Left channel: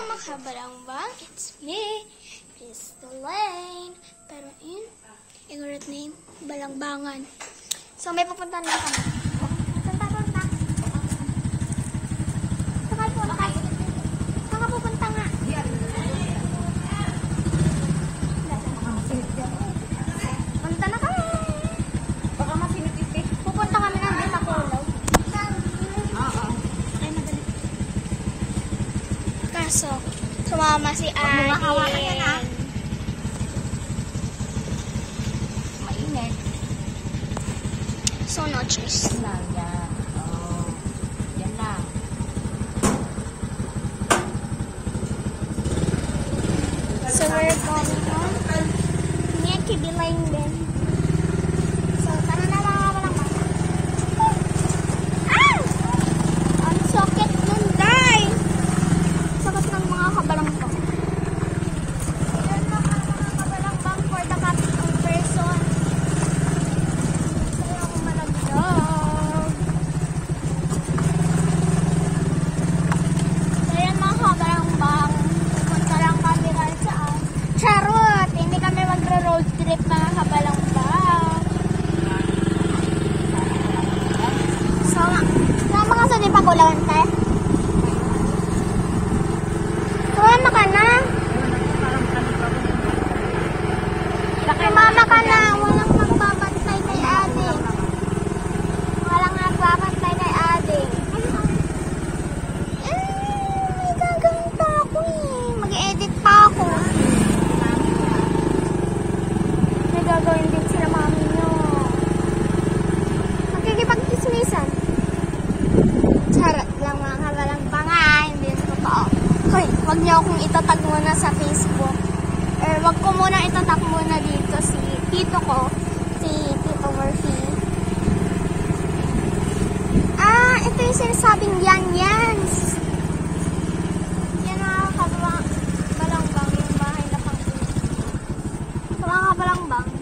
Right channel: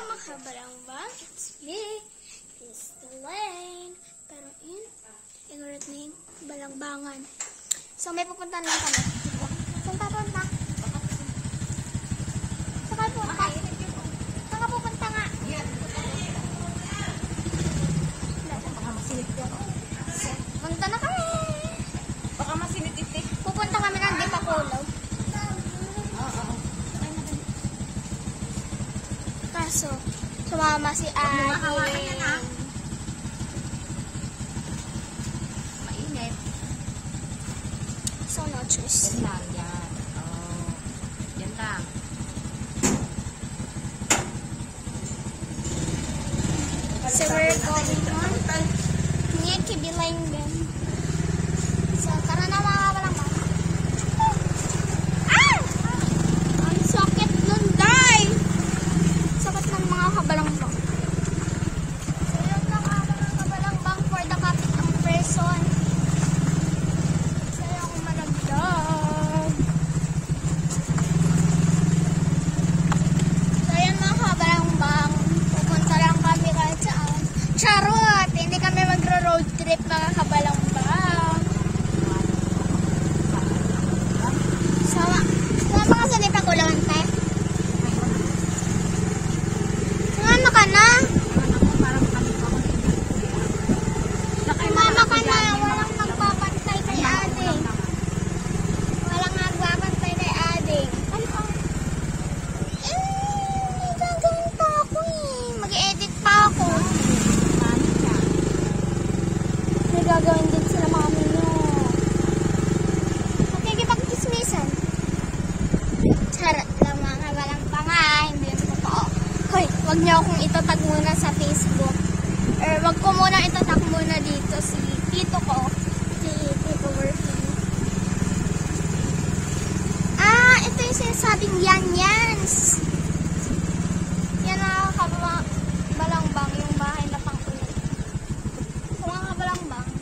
Makabalangba, it's me, Crystal Lane. Pero yun, igorot na yung balangbangan. So may pupunta na kami. Punta. Saan ka pupunta nga? Punta na kami. Baka masinit-itit. Pupunta kami ng Bitaculaw. Kaso, sumama si Ate. Hawakan yan, ha? Mainit. So, no choice. Yan lang, yan. Oh. Yan lang. So, we're going on. Niya kibilayin din. So, tara na mga balangbangan. Ah! Ang sakit nun, guys! Sakit ng mga kabalangbangan. Ayan lang ang mga kabalangbangan for the cat and person. Sa'yo ako malagdag. So, ayan mga kabalangbangan. Pupunta lang kami kahit saan. Charot! Hindi kami magro-road trip mga kabalangbangan. So, sumama ka sa Bitaculaw, te. Sumama ka na. Sumama ka na. Walang nagbabantay kay ate. Walang nagbabantay kay ate. May gagawin pa ako eh. Mag-edit pa ako. May gagawin din sila mami nyo. Magkikipag-dismissan. Charot lang mga kabalangbangan. Hindi yung totoo. Hoy, wag niyo akong itatag muna sa Facebook. Or wag ko muna itatag muna dito si tito ko. Si Tito Murphy. Ah, ito yung sinasabing yan. Yan ang kabalangbangan. Sa mga kabalangbangan.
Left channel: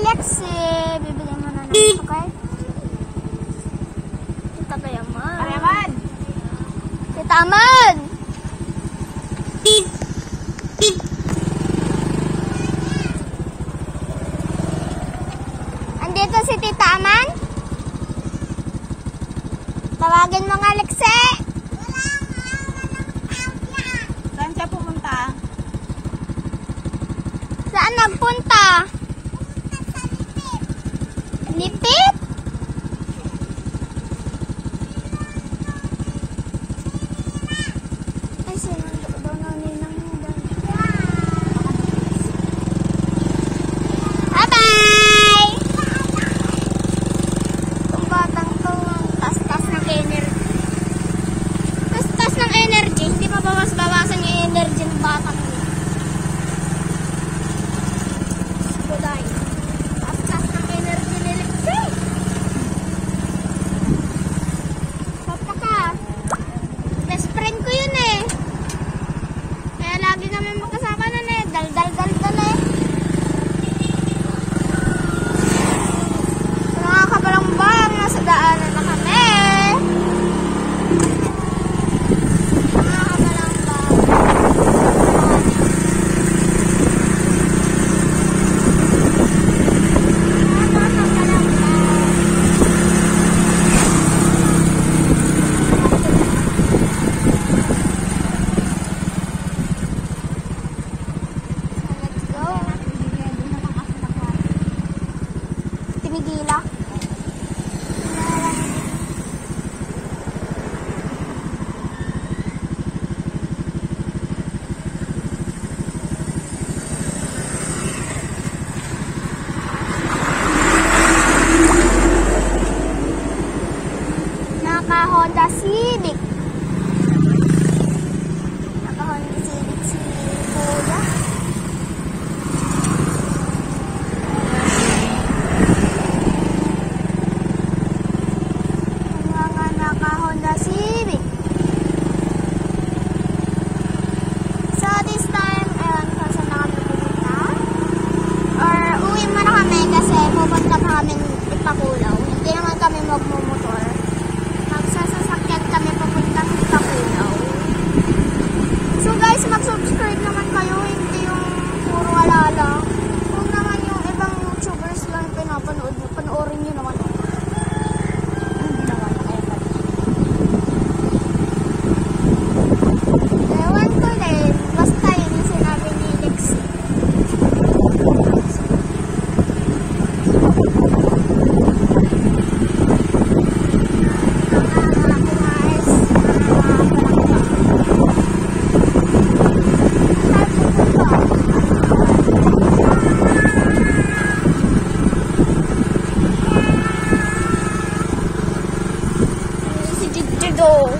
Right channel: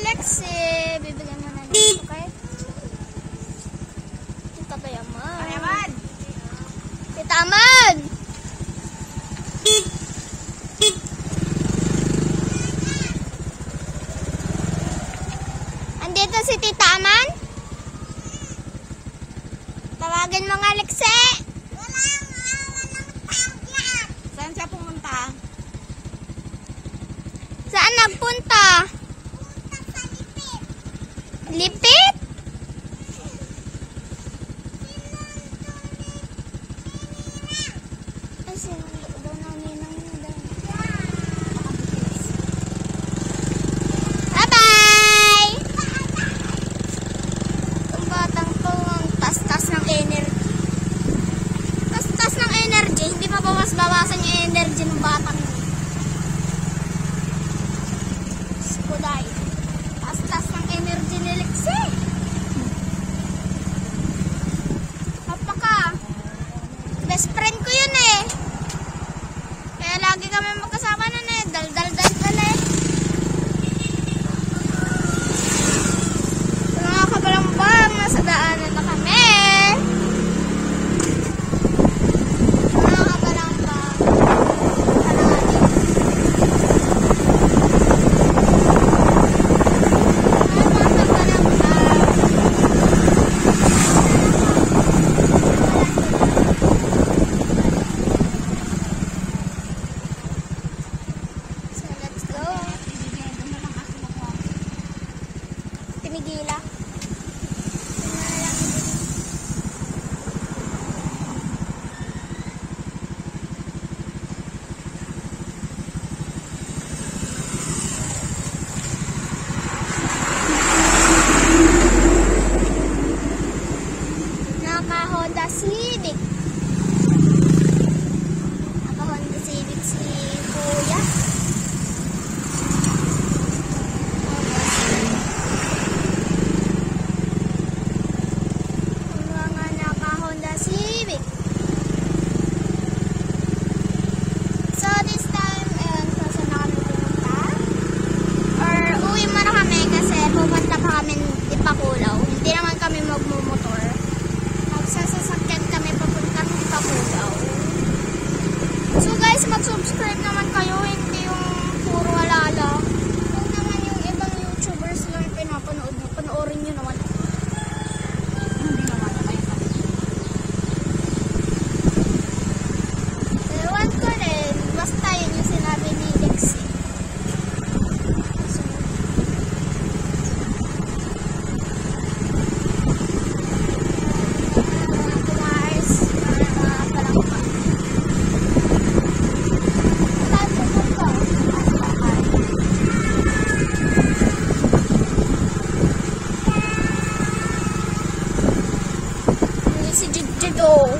Let's see. Bibili mo na nito kay Tita Dayaman. Ayaman! Tita Aman! Andito si Tita Aman? Tawagin mo nga, Alexa. Saan siya pumunta? Saan nagpunta? Lipit? Ay, sinundo daw ng ninang niya daw. Bye-bye! Kung batang to, tas-tas ng energy. Tas-tas ng energy, hindi pa bawas-bawasan yung energy ng batang to. Kulay. Tas-tas ng energy nila. Hop ka. Best friend ko yun eh. Kaya lagi kami magkasama nun eh. Dal-dal-dal-dal eh. So, mga kabalangbangan, nasa daanan na kami. Mga kabalangbangan. Pinigila. Naka-Honda Civic. Naka-Honda Civic si Kuya. Honda Civic. So this time, sasama kami pumunta. Uwi na kami kasi pupunta kami Bitaculaw. Hindi naman kami magmumotor. Tornado.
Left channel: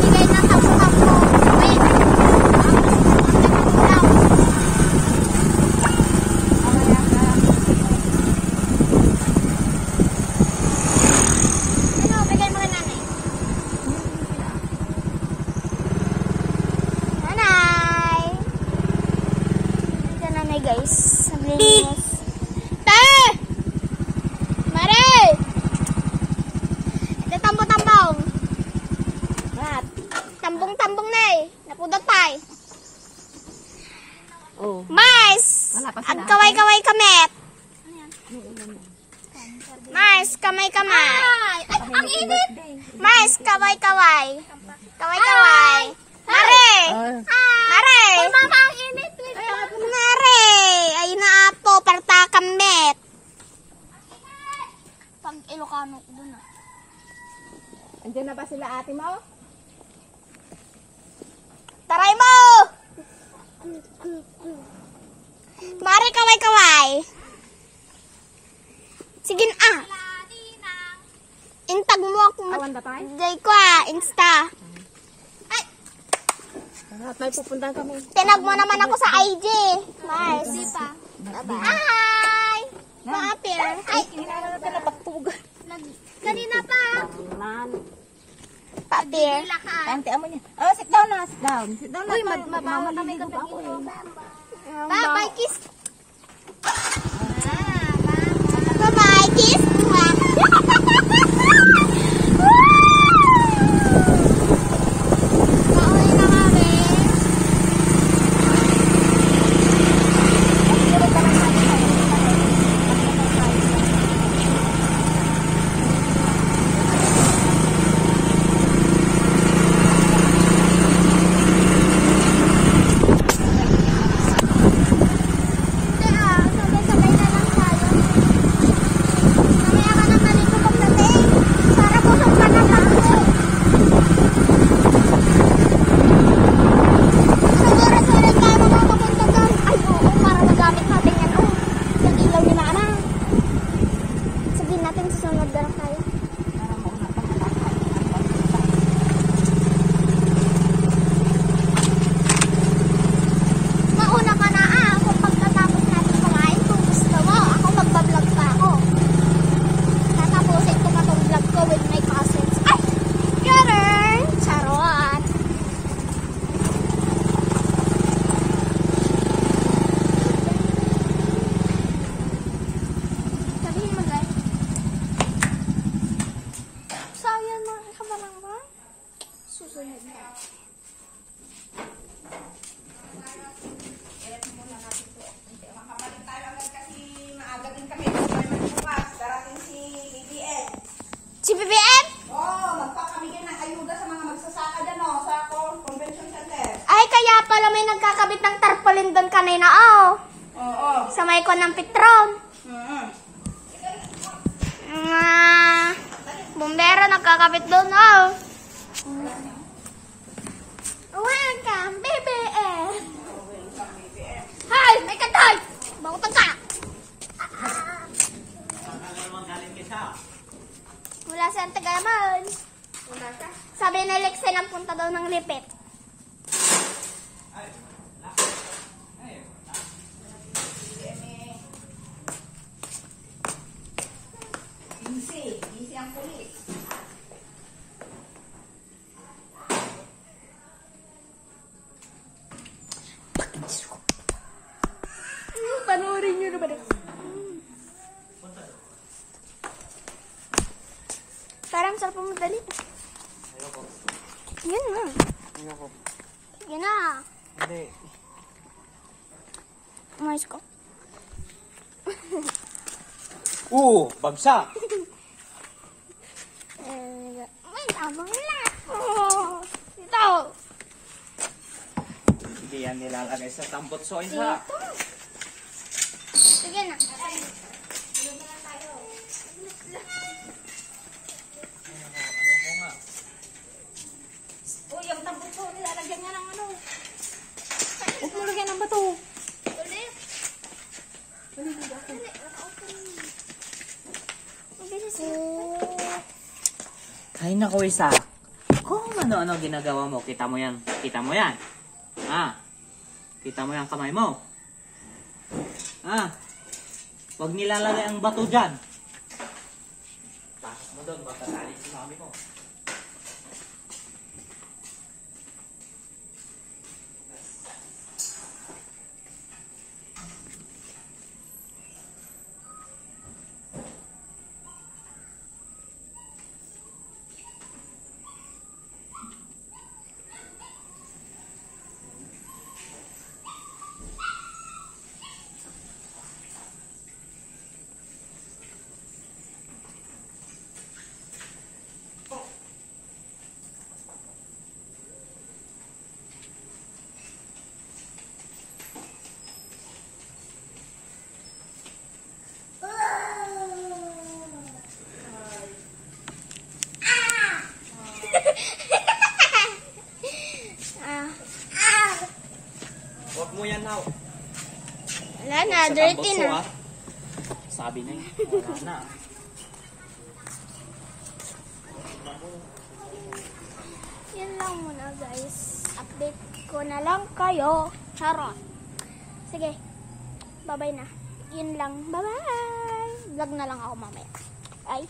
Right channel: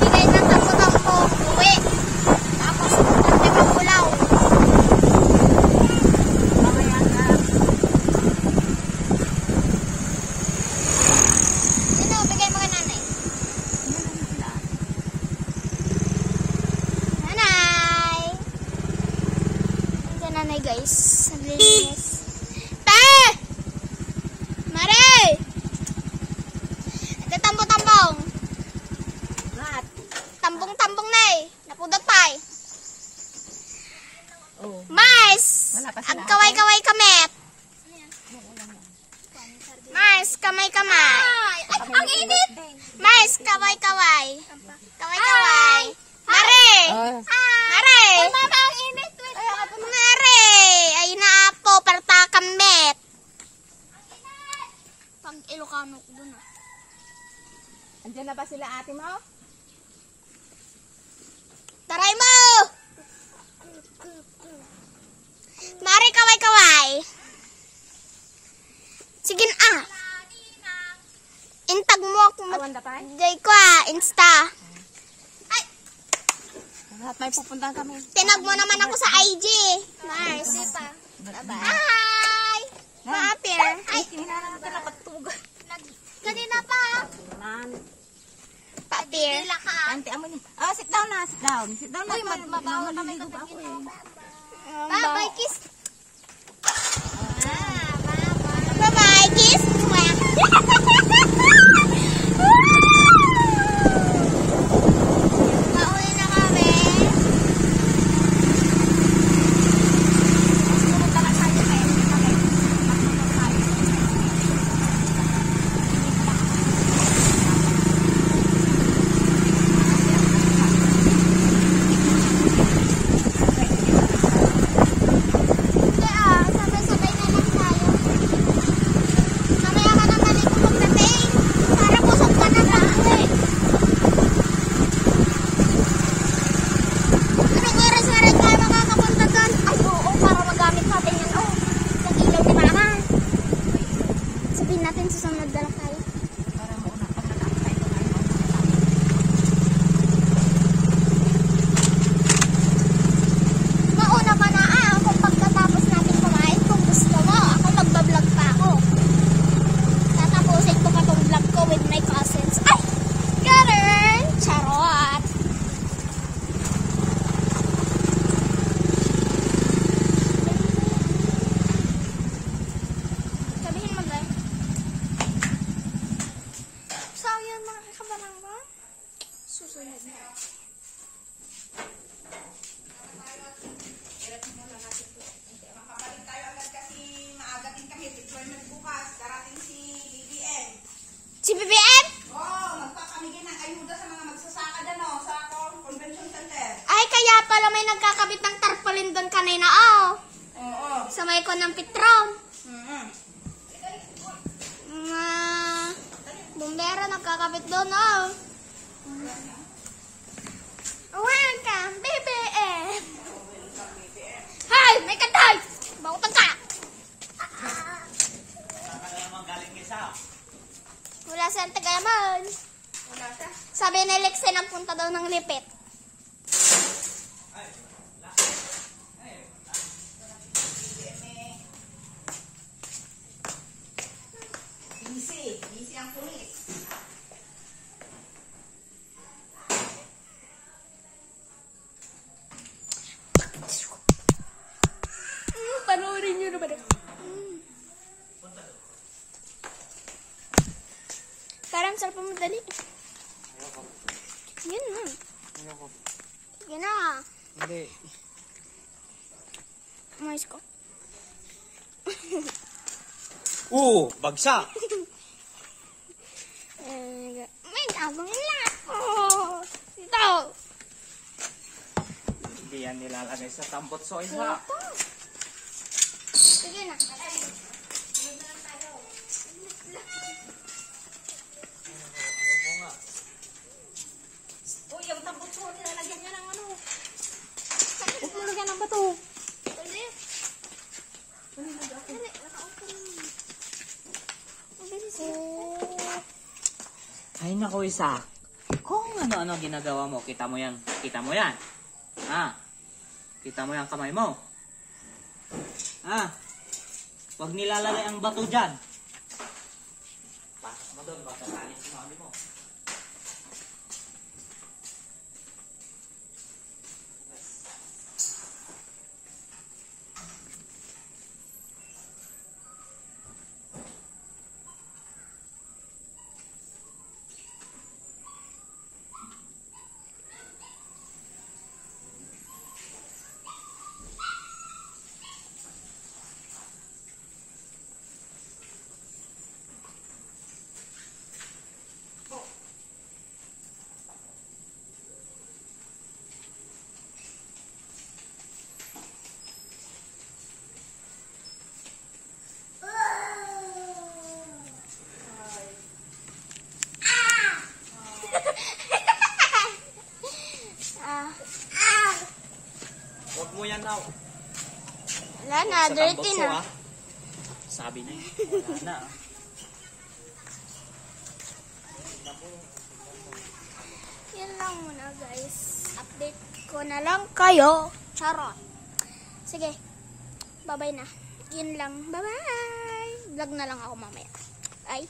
Bigay na tapo-tapo. Wait. Tapos, hindi pa pulaw. Ano, bigay mo ka nanay. Nanay! Ito nanay guys. Naglilinis. Ta! Mare! Ito tambong-tambong. Mat. Tambong-tambong na eh. Napudot pa eh. Oh. Mars! Wala pa sila. Ang kaway-kaway kamet. Mars, kamay-kamay. Ay, ang init! Mars, kaway-kaway. Kaway-kaway. Mare! Mare! Mama, ang init. Mare! Ay, naapo, parta kamet. Pag Ilocano ko dun ah. Andiyan na ba sila ate mo? Taray mo! Mare, kaway-kaway. Sige ang. Intag mo ako Awan da pa? Jay ko ah, Insta. Ay, May pupuntahan kami. tinag mo naman ako sa IG. Mars. Hi! Paapir. Ay, Kinala natin na pagtug. kanina pa. Man. Paapir. Tante amo niya. Oh, sit down na, sit down. Sit down na. Mamaliligo pa ako eh. Bye-bye, kiss. Bye-bye, kiss. Pauwi na kami. Sabay-sabay na lang tayo. Mamaya ka na maligo magdating. Para pusok ka na lang ako eh. May na rin tayo mamapunta doon. Ay, oo, para magamit natin yan. Oh, sa ilaw ni Mama. Sabihin natin susunod na lang tayo. Mauna ka na kung pagkatapos natin kumain, kung gusto mo, ako magbablog pa ako. Tatapusin ko pa tong vlog ko with my cousins. Ay! Ganun! Charot! Sabihin mo ba? So, yun mga kabalang ba? Susunod na. Si BBM? Magpapamigay ng ayuda sa mga magsasaka dyan sa Convention Center. Ay, kaya pala may nagkakabit ng tarpaulin doon kanina, oh. Oo. Sa may ko ng Petron. Mga bumbero nagkakabit doon, oh. Welcome, BBM. Hi, may katay. Bautan ka. Wala sa Tagaman. Sabi ni Lexa na punta daw ng Lipit. Busy ang pulis. Panoorin nyo na ba? Parang sarap mo dali. Yan na. Yan na. Hindi. Umayos ko. Bagsak! May namang lahat. Oh, ito. Hindi yan nilalagay sa tambot soy ha. Ito. Sige na. Ano ko nga? Naku, Isa. Kung ano-ano ginagawa mo, kita mo yan. Kita mo yan. Ah. Kita mo yan kamay mo. Ah. Huwag nilalagay ang bato dyan. Pasok mo doon, baka kalit si mami mo. Huwag mo yan, Nao. Wala na, Sa dirty tambutso, na. ah. Sabi niya, wala na. Yan lang muna guys. Update ko na lang kayo. Charot. Sige. Bye-bye na. Yun lang. Bye-bye. Vlog na lang ako mamaya. Bye.